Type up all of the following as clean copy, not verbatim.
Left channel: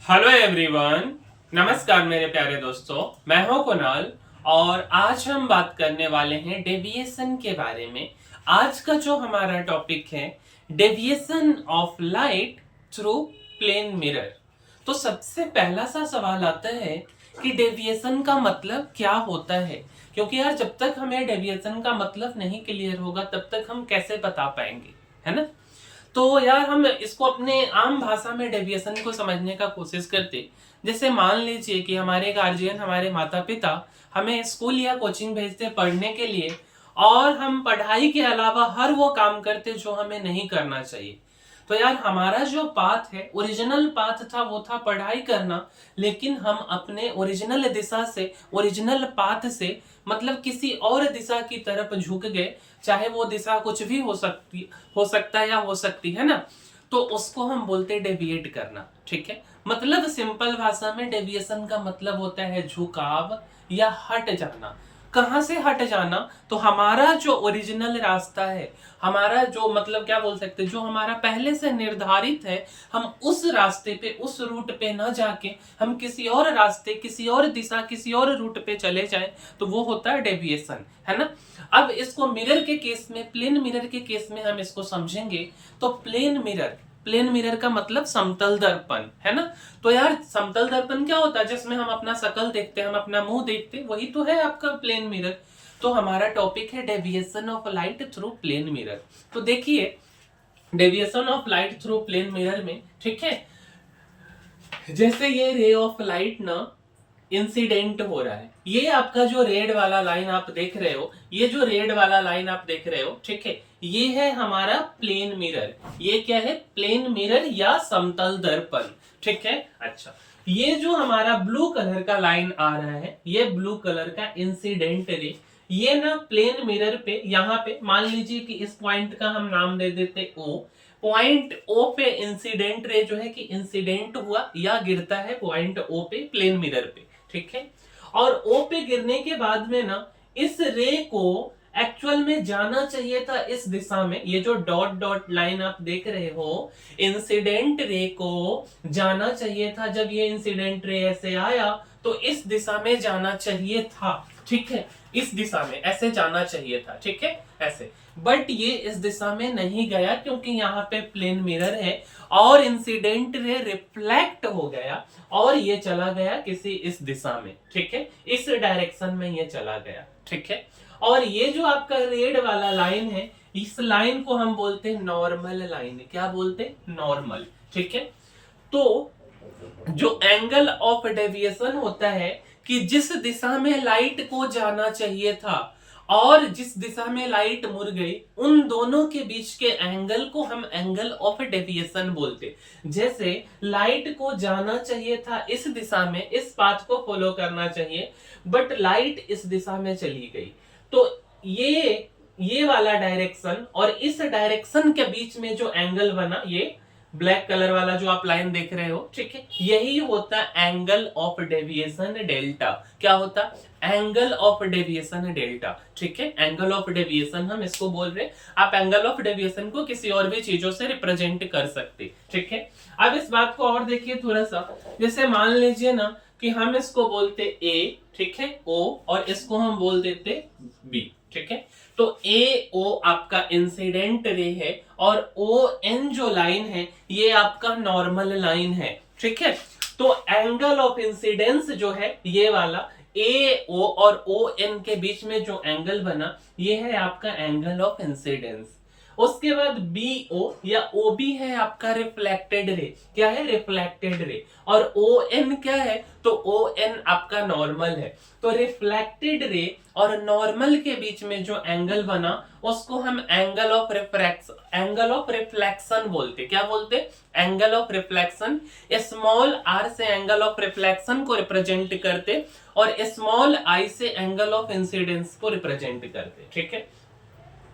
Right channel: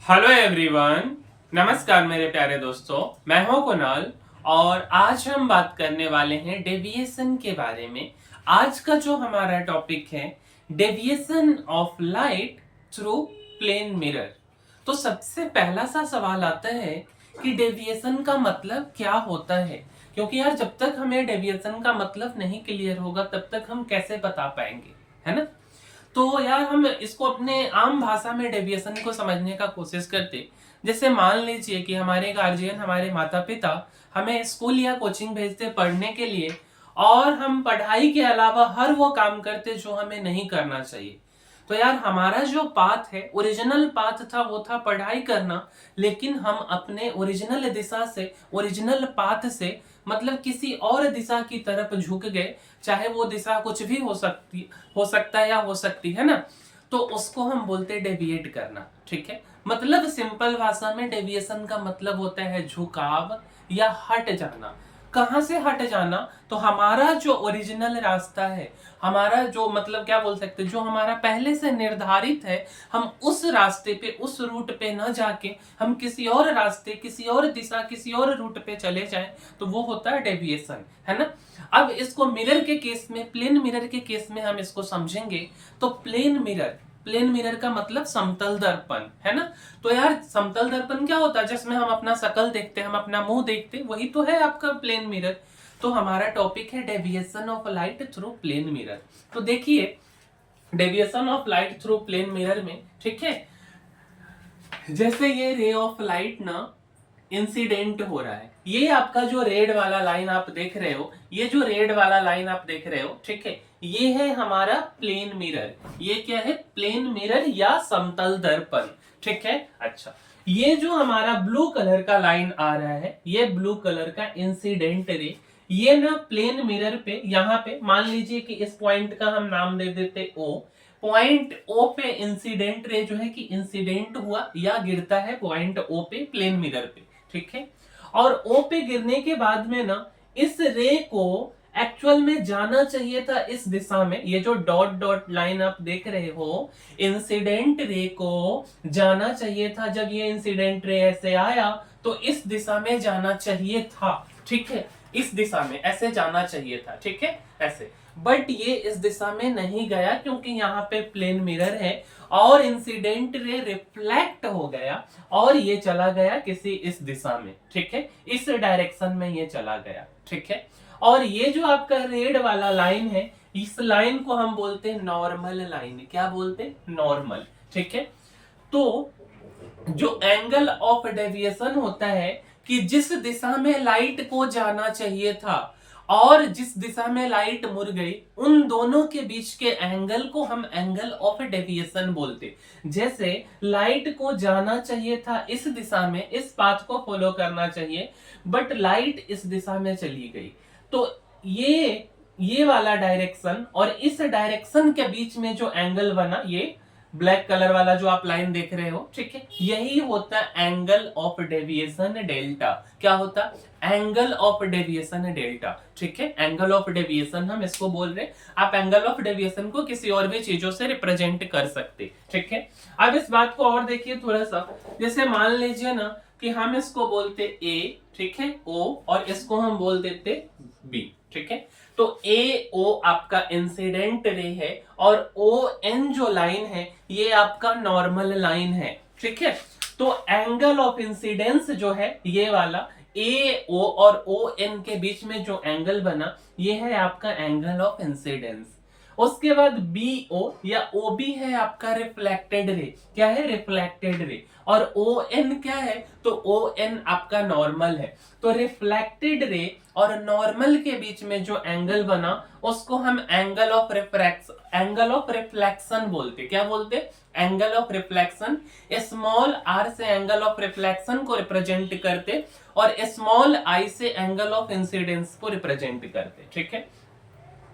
Hello everyone. नमस्कार मेरे प्यारे दोस्तों, मैं हूं कुणाल और आज हम बात करने वाले हैं डेविएशन के बारे में। आज का जो हमारा टॉपिक है deviation of light through plane mirror. तो सबसे पहला सा सवाल आता है कि डेविएशन का मतलब क्या होता है, क्योंकि यार जब तक हमें डेविएशन का मतलब नहीं क्लियर होगा तब तक हम कैसे बता पाएंगे, है ना। तो यार हम इसको अपने आम भाषा में डेविएशन को समझने का कोशिश करते। जैसे मान लीजिए कि हमारे गार्जियन, हमारे माता पिता हमें स्कूल या कोचिंग भेजते पढ़ने के लिए, और हम पढ़ाई के अलावा हर वो काम करते जो हमें नहीं करना चाहिए। तो यार हमारा जो पाथ है, ओरिजिनल पाथ था, वो था पढ़ाई करना। लेकिन हम अपने ओरिजिनल दिशा से, ओरिजिनल पाथ से मतलब किसी और दिशा की तरफ झुक गए। चाहे वो दिशा कुछ भी हो सकता है या हो सकती है ना। तो उसको हम बोलते हैं डेविएट करना। ठीक है, मतलब सिंपल भाषा में डेविएशन का मतलब होता है झुकाव या हट जाना। कहां से हट जाना? तो हमारा जो ओरिजिनल रास्ता है, हमारा जो मतलब क्या बोल सकते हैं, जो हमारा पहले से निर्धारित है, हम उस रास्ते पे, उस रूट पे न जाके हम किसी और रास्ते, किसी और दिशा, किसी और रूट पे चले जाएं, तो वो होता है डेविएशन, है ना। अब इसको मिरर के केस में, प्लेन मिरर के केस में हम इसको समझेंगे। तो प्लेन मिरर का मतलब समतल दर्पण, है ना। तो यार समतल दर्पण क्या होता है? जिसमें हम अपना शकल देखते हैं, हम अपना मुंह देखते हैं, वही तो है आपका प्लेन मिरर। तो हमारा टॉपिक है deviation of light through plane mirror. तो देखिए, deviation of light through plane mirror में, ठीक है, जैसे ये रे ऑफ लाइट ना इंसिडेंट हो रहा है, ये आपका जो रेड वाला लाइन आप देख रहे हो, ये जो रेड वाला लाइन आप देख रहे हो, ठीक है, ये है हमारा प्लेन मिरर। ये क्या है? प्लेन मिरर या समतल दर्पण। ठीक है, अच्छा, ये जो हमारा ब्लू कलर का लाइन आ रहा है, ये ब्लू कलर का इंसिडेंट रे, ये ना प्लेन मिरर पे, यहां पे मान लीजिए कि इस पॉइंट का हम नाम दे देते ओ। पॉइंट ओ पे इंसिडेंट रे जो है कि इंसिडेंट हुआ या गिरता है पॉइंट ओ पे, प्लेन मिरर पे। ठीक है, और ओ पे गिरने के बाद में ना इस रे को एक्चुअल में जाना चाहिए था इस दिशा में। ये जो डॉट डॉट लाइन आप देख रहे हो, इंसिडेंट रे को जाना चाहिए था, जब ये इंसिडेंट रे ऐसे आया तो इस दिशा में जाना चाहिए था। ठीक है, इस दिशा में ऐसे जाना चाहिए था, ठीक है, ऐसे। बट ये इस दिशा में नहीं गया क्योंकि यहाँ पे प्लेन मिरर है, और इंसिडेंट रे रिफ्लेक्ट हो गया और ये चला गया किसी इस दिशा में। ठीक है, इस डायरेक्शन में ये चला गया। ठीक है, और ये जो आपका रेड वाला लाइन है, इस लाइन को हम बोलते हैं नॉर्मल लाइन। क्या बोलते हैं? नॉर्मल। ठीक है, तो जो एंगल ऑफ डेविएशन होता है कि जिस दिशा में लाइट को जाना चाहिए था और जिस दिशा में लाइट मुड़ गई, उन दोनों के बीच के एंगल को हम एंगल ऑफ डेविएशन बोलते। जैसे लाइट को जाना चाहिए था इस दिशा में, इस पाथ को फॉलो करना चाहिए, बट लाइट इस दिशा में चली गई। तो ये वाला डायरेक्शन और इस डायरेक्शन के बीच में जो एंगल बना, ये ब्लैक कलर वाला जो आप लाइन देख रहे हो, ठीक है, यही होता है एंगल ऑफ डेविएशन डेल्टा। क्या होता? Angle of deviation delta. ठीक है, एंगल ऑफ डेविएशन हम इसको बोल रहे हैं। आप एंगल ऑफ डेविएशन को किसी और भी चीजों से रिप्रेजेंट कर सकते। ठीक है, अब इस बात को और देखिए थोड़ा सा। जैसे मान लीजिए ना कि हम इसको बोलते ए, ठीक है, ओ, और इसको हम बोल देते बी। ठीक है, तो ए ओ आपका इंसिडेंट रे है और ओ एन जो लाइन है ये आपका नॉर्मल लाइन है। ठीक है, तो एंगल ऑफ इंसिडेंस जो है ये वाला ए ओ और ओ एन के बीच में जो एंगल बना, ये है आपका एंगल ऑफ इंसिडेंस। उसके बाद बी ओ या ओ बी है आपका रिफ्लेक्टेड रे। क्या है? Reflected ray. और ओ एन क्या है? तो ओ एन आपका नॉर्मल है। तो रिफ्लेक्टेड रे और नॉर्मल के बीच में जो एंगल बना उसको हम एंगल ऑफ रिफ्लेक्शन बोलते। क्या बोलते? Angle of reflection. Small R से एंगल ऑफ रिफ्लेक्शन को रिप्रेजेंट करते और स्मॉल आई से एंगल ऑफ इंसिडेंस को रिप्रेजेंट करते। ठीक है,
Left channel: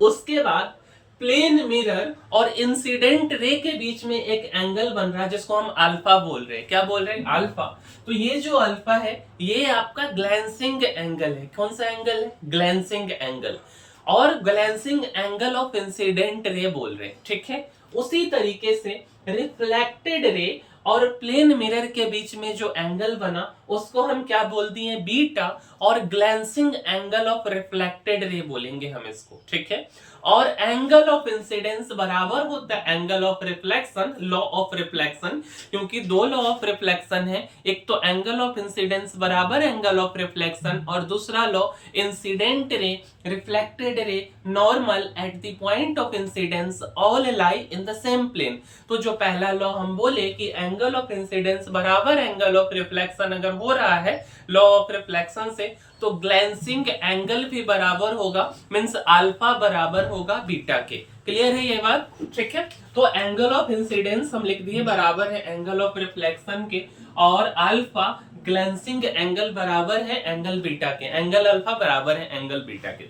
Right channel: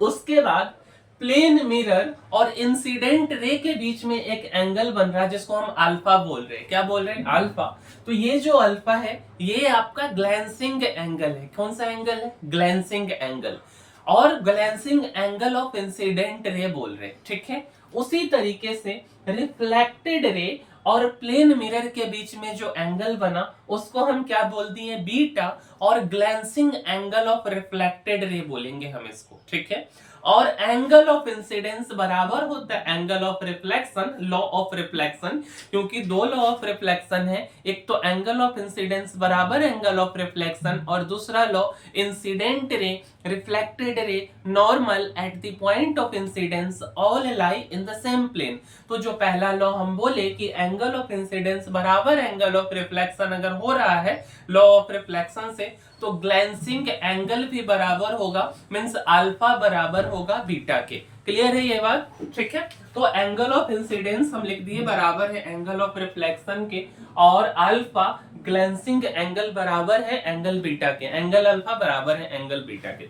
उसके बाद प्लेन मिरर और इंसिडेंट रे के बीच में एक एंगल बन रहा है जिसको हम अल्फा बोल रहे हैं। क्या बोल रहे हैं? अल्फा। तो ये जो अल्फा है ये आपका ग्लैंसिंग एंगल है। कौन सा एंगल है? Glancing angle. और glancing angle of incident ray बोल रहे हैं। ठीक है, उसी तरीके से रिफ्लेक्टेड रे और प्लेन मिरर के बीच में जो एंगल बना उसको हम क्या बोल दिए, बीटा, और glancing angle of reflected ray बोलेंगे हम इसको, ठीक है। और एंगल ऑफ इंसिडेंस बराबर होता है angle of reflection, law of reflection, क्योंकि दो लॉ ऑफ रिफ्लेक्शन है, एक तो एंगल ऑफ इंसिडेंस बराबर एंगल ऑफ रिफ्लेक्शन, और दूसरा law incident ray reflected ray normal at the point of incidence all lie in the same plane. तो जो पहला लॉ हम बोले कि एंगल ऑफ इंसिडेंस बराबर एंगल ऑफ रिफ्लेक्शन अगर हो रहा है लॉ ऑफ रिफ्लेक्शन से, तो ग्लैंसिंग एंगल भी बराबर होगा, मींस अल्फा बराबर होगा बीटा के। क्लियर है ये बात, ठीक है। तो एंगल ऑफ इंसिडेंस हम लिख दिए बराबर है एंगल ऑफ रिफ्लेक्शन के, और अल्फा ग्लैंसिंग एंगल बराबर है एंगल बीटा के, एंगल अल्फा बराबर है एंगल बीटा के।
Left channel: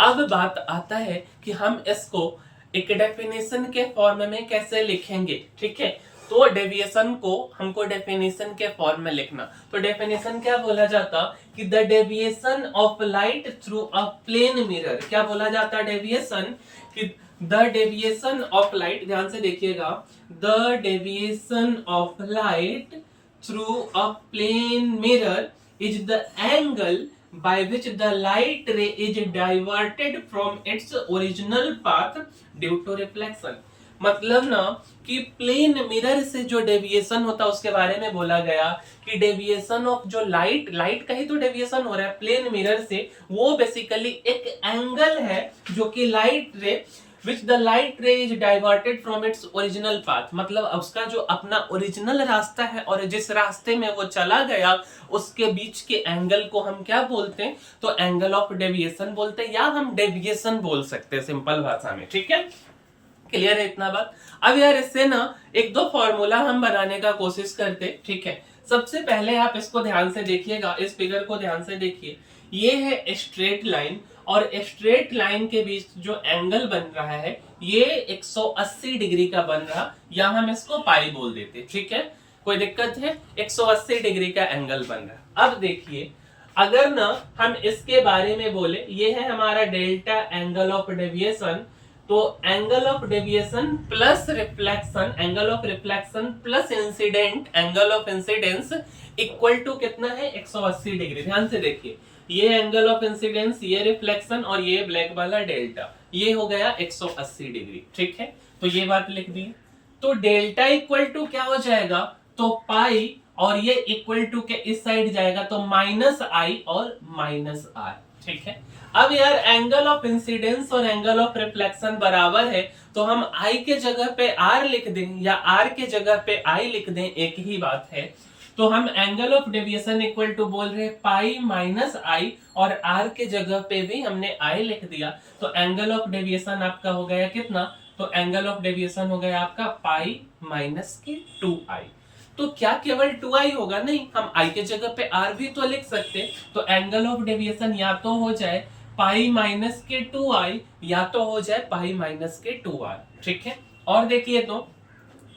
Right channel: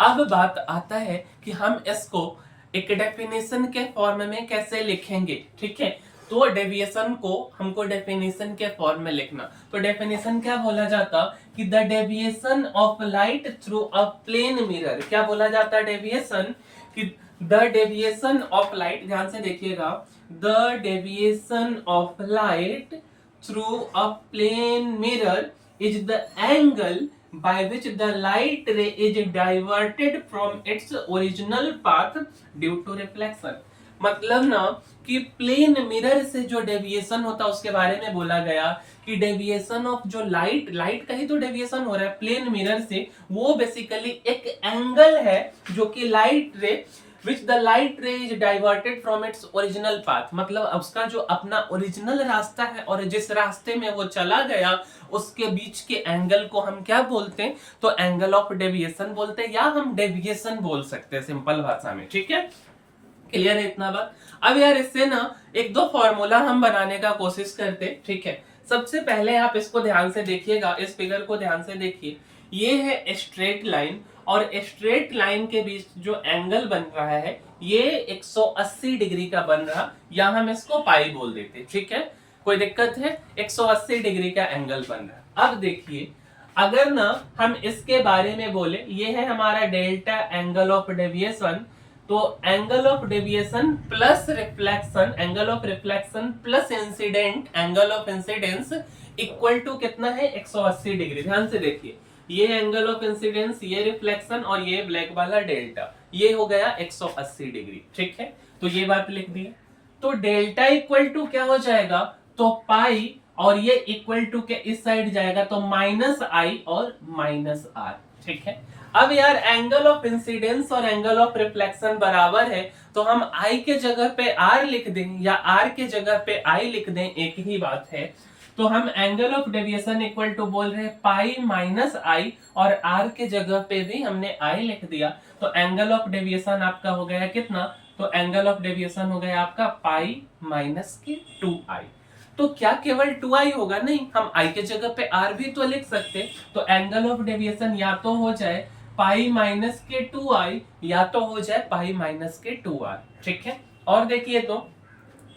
अब बात आता है कि हम इसको एक डेफिनेशन के फॉर्म में कैसे लिखेंगे, ठीक है। तो डेविएशन को हमको डेफिनेशन के फॉर्म में लिखना, तो डेफिनेशन क्या बोला जाता कि the deviation of light through a plane mirror, क्या बोला जाता है डेविएशन, कि द डेविएशन ऑफ लाइट, ध्यान से देखिएगा, the deviation of light through a plane mirror is the angle by which the light ray is diverted from its original path due to reflection। मतलब ना कि प्लेन मिरर से जो deviation होता है उसके बारे में बोला गया कि डेविएशन ऑफ जो लाइट का ही तो डेविएशन हो रहा है प्लेन मिरर से, वो बेसिकली एक एंगल है जो कि लाइट रे which the light ray is diverted from its original path, मतलब उसका जो अपना ओरिजिनल रास्ता है और जिस रास्ते में वो चला गया उसके बीच के एंगल को हम क्या बोलते हैं, तो एंगल ऑफ डेविएशन बोलते हैं, या हम डेविएशन बोल सकते हैं सिंपल भाषा में, ठीक है। क्लियर है इतना बात। अब यार इससे ना एक दो फॉर्मूला हम बनाने का कोशिश करते, ठीक है। सबसे पहले आप इसको ध्यान से देखिएगा, इस फिगर को ध्यान से देखिए, ये है स्ट्रेट लाइन, और स्ट्रेट लाइन के बीच जो एंगल बन रहा है ये 180 डिग्री का बन रहा, या हम इसको पाई बोल देते, ठीक है, कोई दिक्कत है, 180 डिग्री का एंगल बन रहा। अब देखिए अगर ना हम इसके बारे में बोले, ये है हमारा डेल्टा एंगल ऑफ डेविएशन, तो angle of deviation plus reflection, angle of reflection plus incident angle of incidence equal to कितना है, 180 डिग्री। ध्यान से देखिए, ये एंगल ऑफ इंसिडेंस, ये रिफ्लेक्शन, और ये ब्लैक वाला डेल्टा, ये हो गया 180 डिग्री, ठीक है। तो ये बात लिख दी। तो डेल्टा इक्वल टू क्या हो जाएगा, तो पाई, और ये इक्वल टू के इस साइड जाएगा तो माइनस आई और माइनस आर, ठीक है। अब यार एंगल ऑफ इंसिडेंस और एंगल ऑफ रिफ्लेक्शन बराबर है, तो हम आई के जगह पे आर लिख दें या आर के जगह पे आई लिख दें, एक ही बात है। तो हम angle of deviation equal to बोल रहे हैं पाई माइनस आई, और आर के जगह पे भी हमने आई लिख दिया, तो एंगल ऑफ डेविएशन आपका हो गया कितना, तो एंगल ऑफ डेविएशन हो गया आपका पाई माइनस के 2i। तो क्या केवल 2i होगा, नहीं, हम i के जगह पे r भी तो लिख सकते, तो एंगल ऑफ डेविएशन या तो हो जाए पाई माइनस के 2i या तो हो जाए पाई माइनस के 2r, ठीक है। और देखिए तो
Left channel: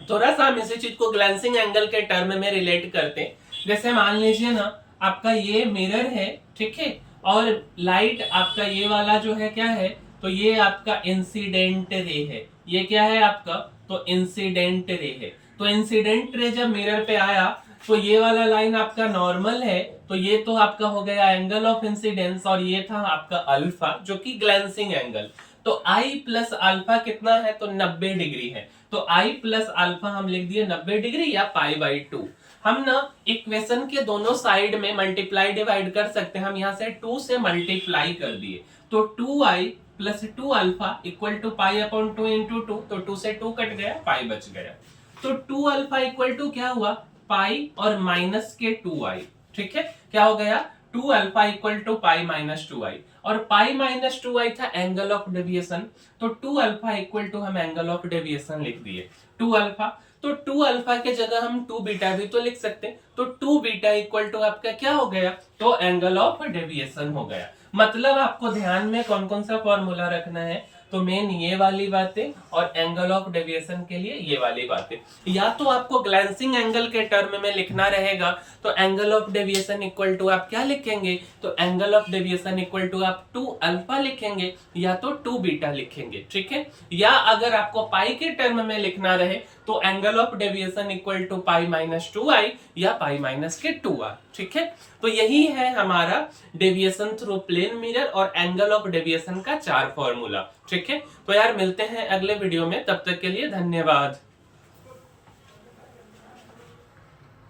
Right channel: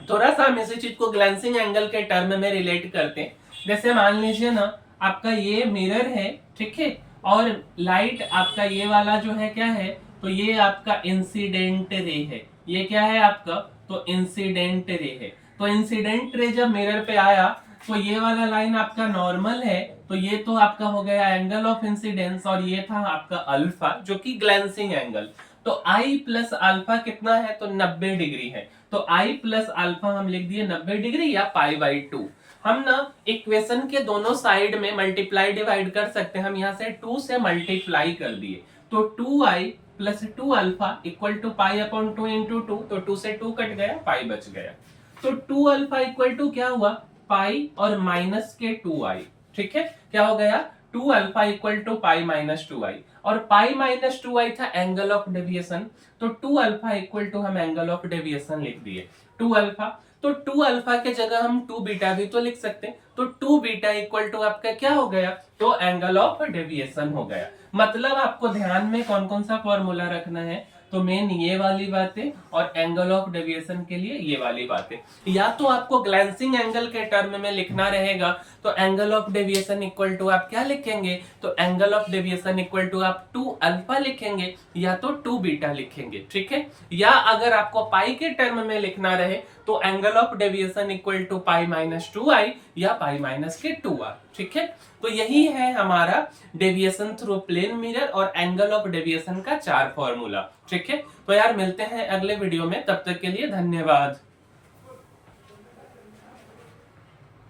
थोड़ा सा हम इसी चीज को ग्लैंसिंग एंगल के टर्म में रिलेट करते हैं। जैसे मान लीजिए ना आपका ये मिरर है, ठीक है, और लाइट आपका ये वाला जो है क्या है, तो ये आपका इंसिडेंट रे है, ये क्या है आपका, तो इंसिडेंट रे है। तो इंसिडेंट रे जब मिरर पे आया तो ये वाला लाइन आपका नॉर्मल है, तो ये तो आपका हो गया एंगल ऑफ इंसिडेंस, और ये था आपका अल्फा जो कि ग्लैंसिंग एंगल। तो आई प्लस अल्फा कितना है, तो 90 डिग्री है, तो आई प्लस अल्फा हम लिख दिए 90 डिग्री या पाई बाई 2। हम ना इक्वेशन के दोनों साइड में मल्टीप्लाई डिवाइड कर सकते हैं, हम यहाँ से 2 से मल्टीप्लाई कर दिए, तो 2i plus 2 alpha equal to pi upon 2 into 2, तो 2 से 2 कट गया, पाई बच गया। तो 2 अल्फा इक्वल टू क्या हुआ, पाई और माइनस के 2i, ठीक है, क्या हो गया, 2 alpha equal to pi minus 2i, और पाई माइनस 2i था एंगल ऑफ डेविएशन, तो 2 अल्फा इक्वल टू हम एंगल ऑफ डेविएशन लिख दिए 2 अल्फा। तो 2 अल्फा के जगह हम 2 बीटा भी तो लिख सकते हैं, तो 2 बीटा इक्वल टू आपका क्या हो गया, तो एंगल ऑफ डेविएशन हो गया। मतलब आपको ध्यान में कौन कौन सा फॉर्मूला रखना है, तो मेन ये वाली बातें, और एंगल ऑफ डेविएशन के लिए ये वाली बातें। या तो आपको ग्लैंसिंग एंगल के टर्म में लिखना रहेगा, तो angle of deviation equal to आप क्या लिखेंगे, तो angle of deviation equal to आप 2 अल्फा लिखेंगे या तो 2 बीटा लिखेंगे, ठीक है। या अगर आपको पाई के टर्म में लिखना रहे तो angle of deviation equal to pi minus 2i या पाई माइनस के 2r, ठीक है। तो यही है हमारा डेविएशन थ्रू प्लेन मिरर और एंगल ऑफ डेविएशन का 4 फॉर्मूला, ठीक है। तो यार मिलते हैं अगले वीडियो में, तब तक के लिए धन्यवाद।